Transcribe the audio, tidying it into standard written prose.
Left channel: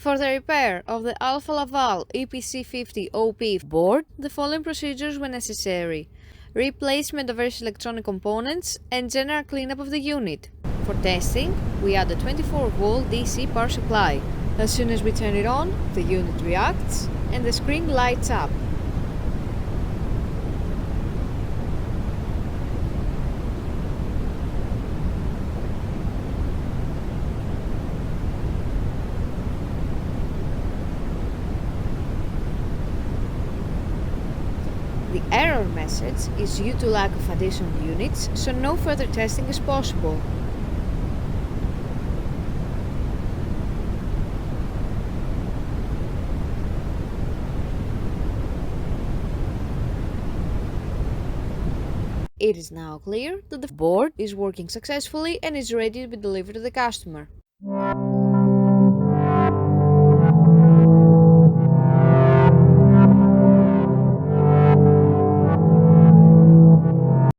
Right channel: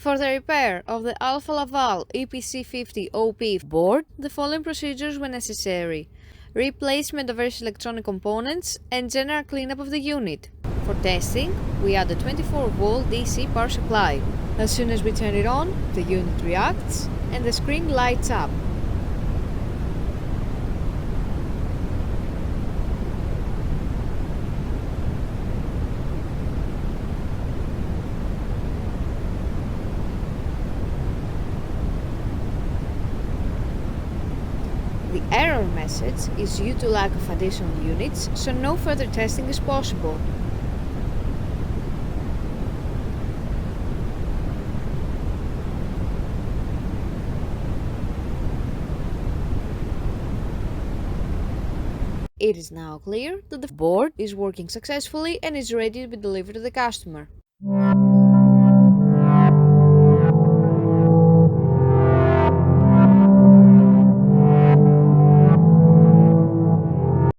For the repair of the Alfa Laval EPC50 OP board, the following procedures were necessary: replacement of various electronic components and general cleanup of the unit. For testing, we add a 24-volt DC power supply. As soon as we turn it on, the unit reacts and the screen lights up. The error message is due to lack of additional units, so no further testing is possible. It is now clear that the board is working successfully and is ready to be delivered to the customer.